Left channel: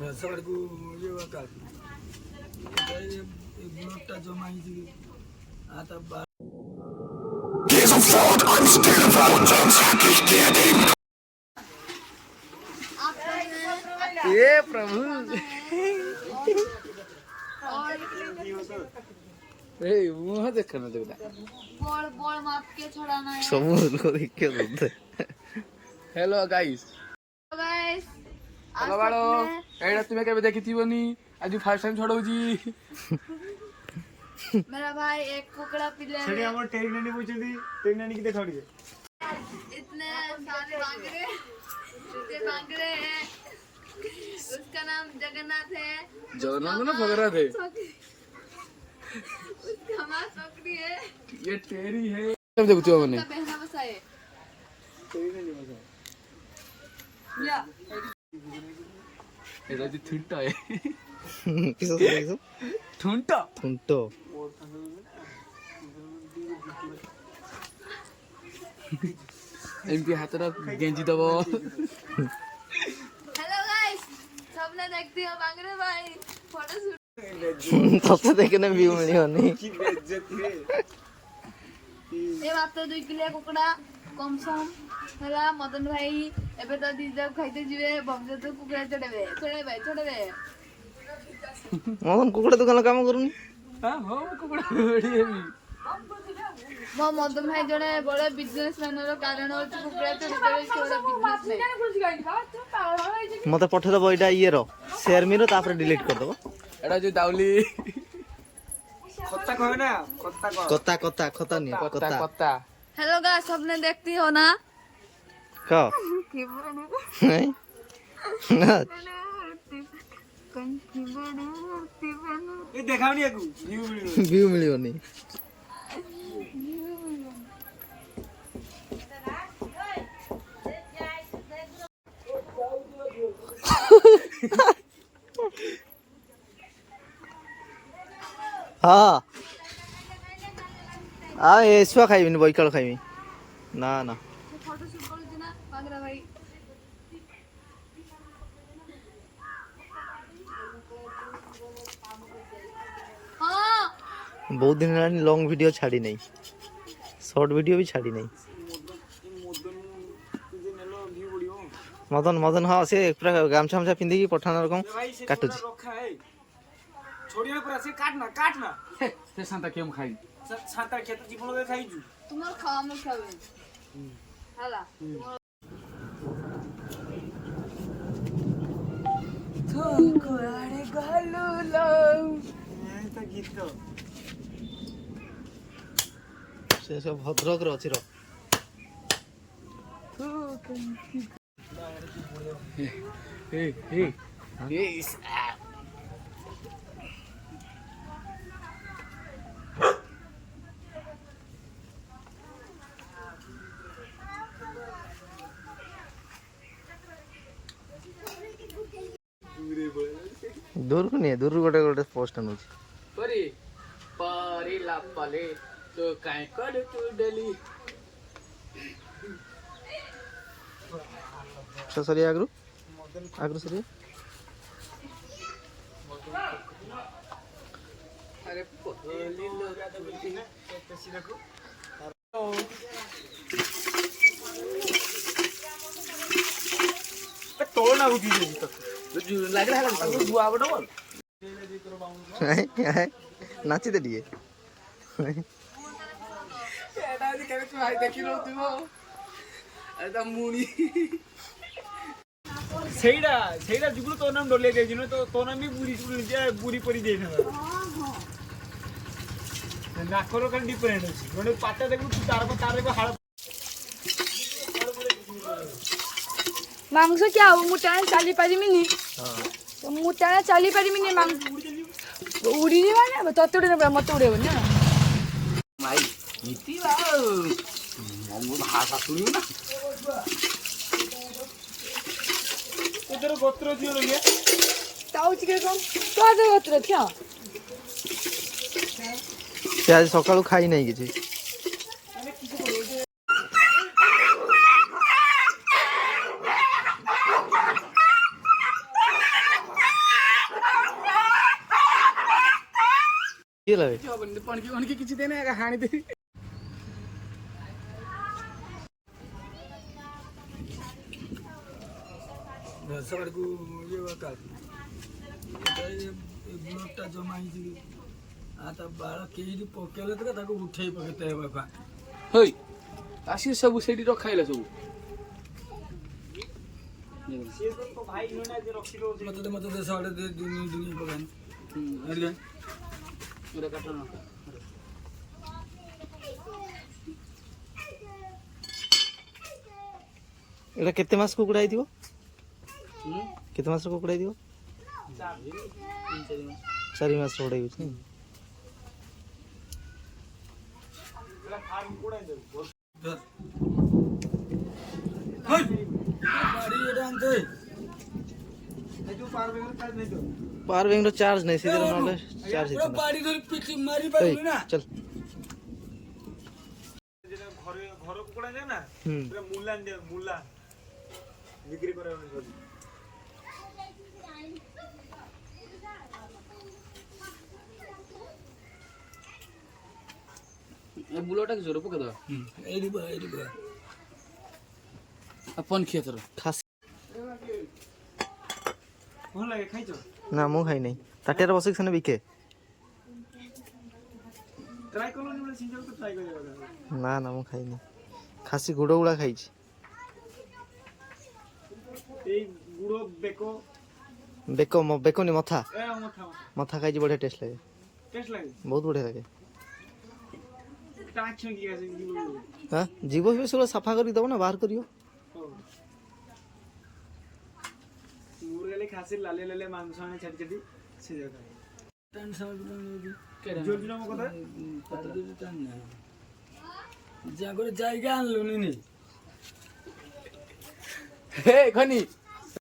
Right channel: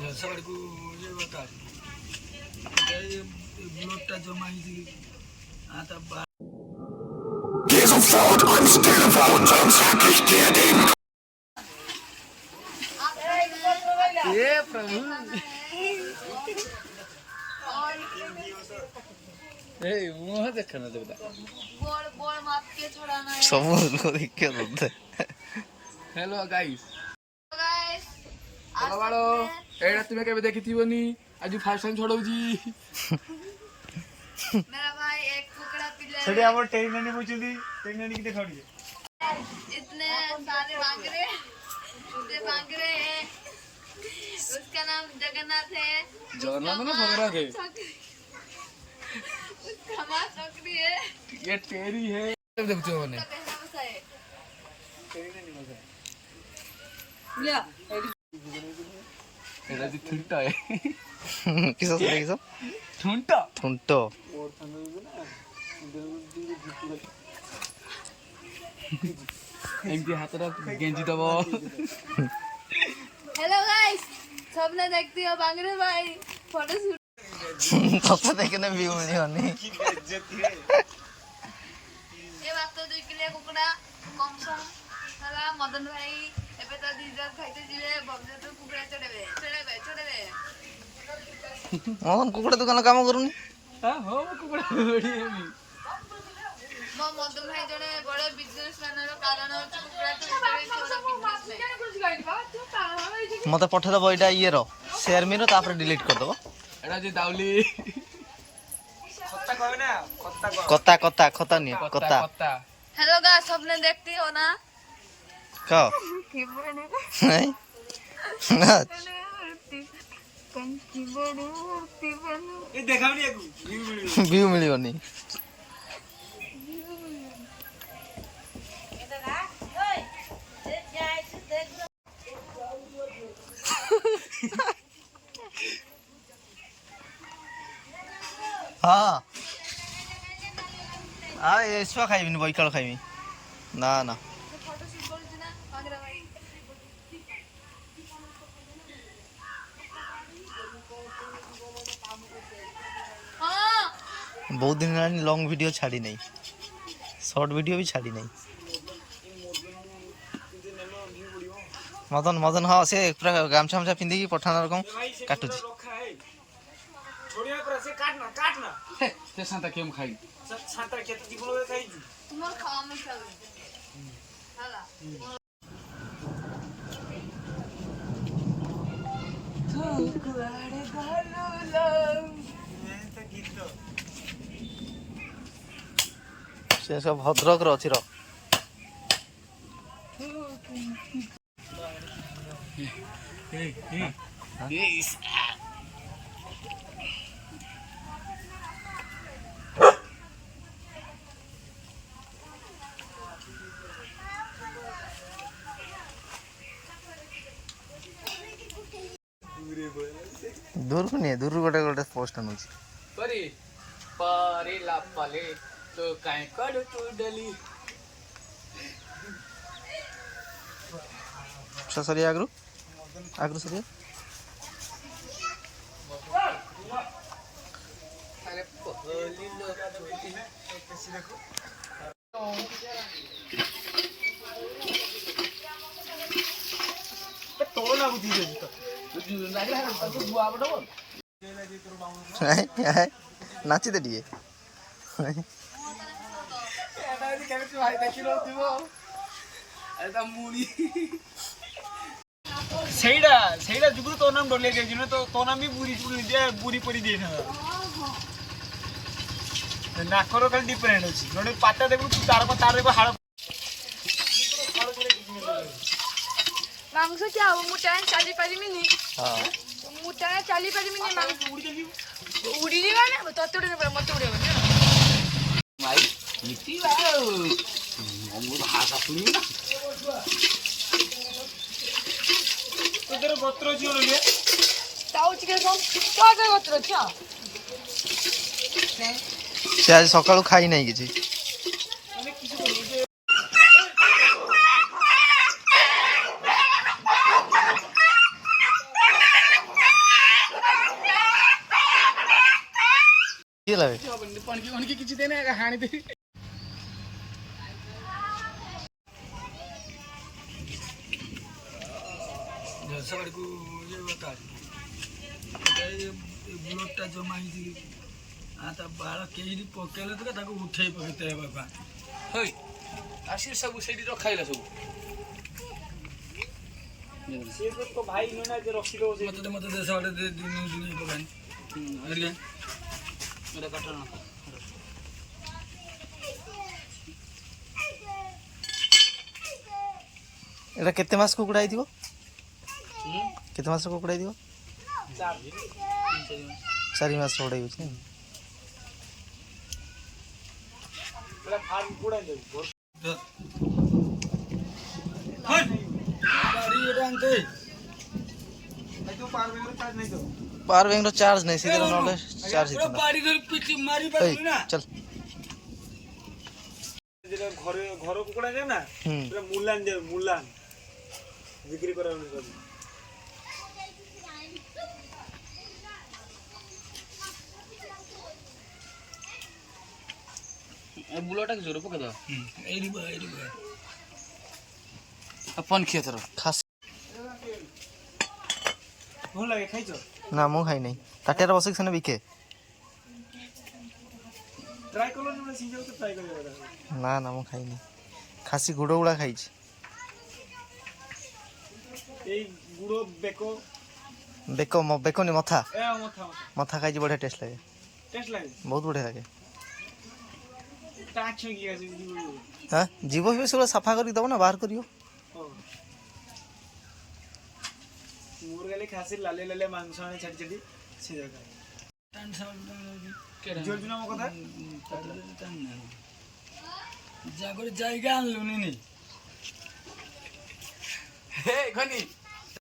सबको ये बता ये ब्लडटा जमा ହେଇଛି आता Geh sofort ans Telefon, sonst hack ich dir den... ये प्रभु ए मुंह देखना जगदा बड़ बड़ माप के छोड़ाना सब को देख के रोते हेलो गाइस हेलो बाड़ो एडा तुमे केबे देखिथिबोनी आज फर्स्ट टाइम छोड़ौजी मेरा भाई एक कुकड़ा पिले छड़े हमर टेनानी पूछुदी टेनानी की देखाड़ी इतने सारे बांगरे हैं उसका नाम जगन्नाथ है जगन्नाथ ना भगराथ है उसका मां छोकरी है ये तेरी है सब देखो मैंने पहना बसा है तेरी नहीं बसा ले एडा जी ठुंटा है किसो ठुंटा ठुंटो एमपी हाथ रख गेंजी दबो हेलो गाइस सबने देखती हो बांगरे भाई फोटो शूट सबको देखने व्यू मिली होनी की बेइज्जती है ए बात तो 2 किलो कुकड़ा कम सम हला मदन भाई एबे तो दीजर खाइते जिवे भवजे तो कुकड़ा चढ़ेबे मदन कुकड़ा दुकान काम करूनी हां हो कुकड़ा बड़ी हेमी मो मदन भाई जने बड़े बिजनेसमैन रो कारण हो कुकड़ा चढ़े छोड़ा बिजनेस मते पठा दबो एटा ये रो शेयर मेरो तापर डिलीट कर दबो एटा जे दाउली कत्ता कहबे ना कत्ता नहीं कत्ता हेलो गाइस सबने देखती हो ना का की बड़े नहीं ना कंकी बड़ी मूर्ति बनो ए देखावनी एकु व्यू मिलियो नहीं हाँ ऐसा खाइबी बैकाल खाइबी ना ना बहुत दिन लॉन्ग वीडियो छाड़ी नहीं शॉर्ट वीडियो भी छाड़ी नहीं मदन हाँ से पूरा गामछा हमछा पिंदी पठाना रकम काटू छोड़िया पर से काटना ते सांता केम खाई सांता खेत जीवन में खाई जू तुमर खावा में खावे हाला तो कुआड़े गालो लो ये तो गीत से सब भद्रक रो अछि रो ए दूर को नहीं दूर गोटे गोटे पोस्ट अनुची परी परी लापले तो काई करू तू डली सरिया आगरू सरिया अरे पगली लोग छोटी कैसी देखो तो ना उठी दे तो लाग दुआ बडो नाची दे दिए एटा दी केबे तू हाय देखि रो तू एटा मुनी सेइडा जुगु तो नाम डोले गई जिनो तो नाम भी बुरी परी दे ना नाकरो खाली डिफरेंट अछि नडे पाता देखु तू तार को हाड़ मांस क्या हो मुटा चाली पारी मिनी हां तो मुटा चाली पारी मिनी मांस उड़ी जीवा ना ततडे ना मत उड़े ना भाई नीति बा हम भाषा सुनियो ना तोर गोत्र जियो ले ताउच के कम तो आगे गोत्र क्या से आज सकाळू खाई नहीं किछि माने किछु बोलो କିଏ ଲାଗେ ପଣକି ପଣକି କିଛି ଦେନେ ହାଣିଦେବି ସକାଳକୁ ଇଏ କାଢ଼ି ବ୍ଲଡ଼ଟା ଜମା ହେଇଥିଲି ତା ବାଳ କେହି ପକେଇଲେ ତ ତାକୁ ଉଠେଇ ପକେଇତେ ବାପା ହଇ ଆସି ସବୁ ସେଇଠି ରଖାଇଲା ସବୁ ମତେ ମତେ ଦେଶ ଆଡ଼େ ଦୁନିଆ ପକାନି ଏଇଟା କାଟ ନା ଏଇଟା କେତେ ମାସ କୁକୁଡ଼ା ହେଇଥିବ କେତେ ମାସର କୁକୁଡ଼ା ହେଇଥିବ 4 ମାସ ଗୁଡ଼ା ହେଇଛି पावर बैंक रो चार्ज नहीं सीधे नॉले चार्ज हित बाड़ी धर पिटी मारी पारबी ना चल जेटा घरे घर कुकुडा जे ना पूरा मुलान जे मुलान बिक्री करा ए बुलोटा के जोर पका द एडी बा अपन खेतर खास भल लागे खाइछो ना मु खाई नहीं ताटियार बसिक सने बिके ट्राई करलो न सिंजल तो ट्राई करियो ना ना मु खाई नहीं खासी गुड़ गुड़ा खाई ए गुड़ो बेको बेको बेको नि मथा ए मथा मथा खाई बढ़िया टेस्ट लगे टेस्ट लागे बहुत बढ़िया लगे टाच की गासी हां जीव भी सब सफा कर दबो ना बाहर करियो मुरगले खासी लाले लाले मांस आने छट छटी से जगह टान सब केडा जोर दिनो कथा टान ना जा করে জায়গা আনলুনি নি হে খনি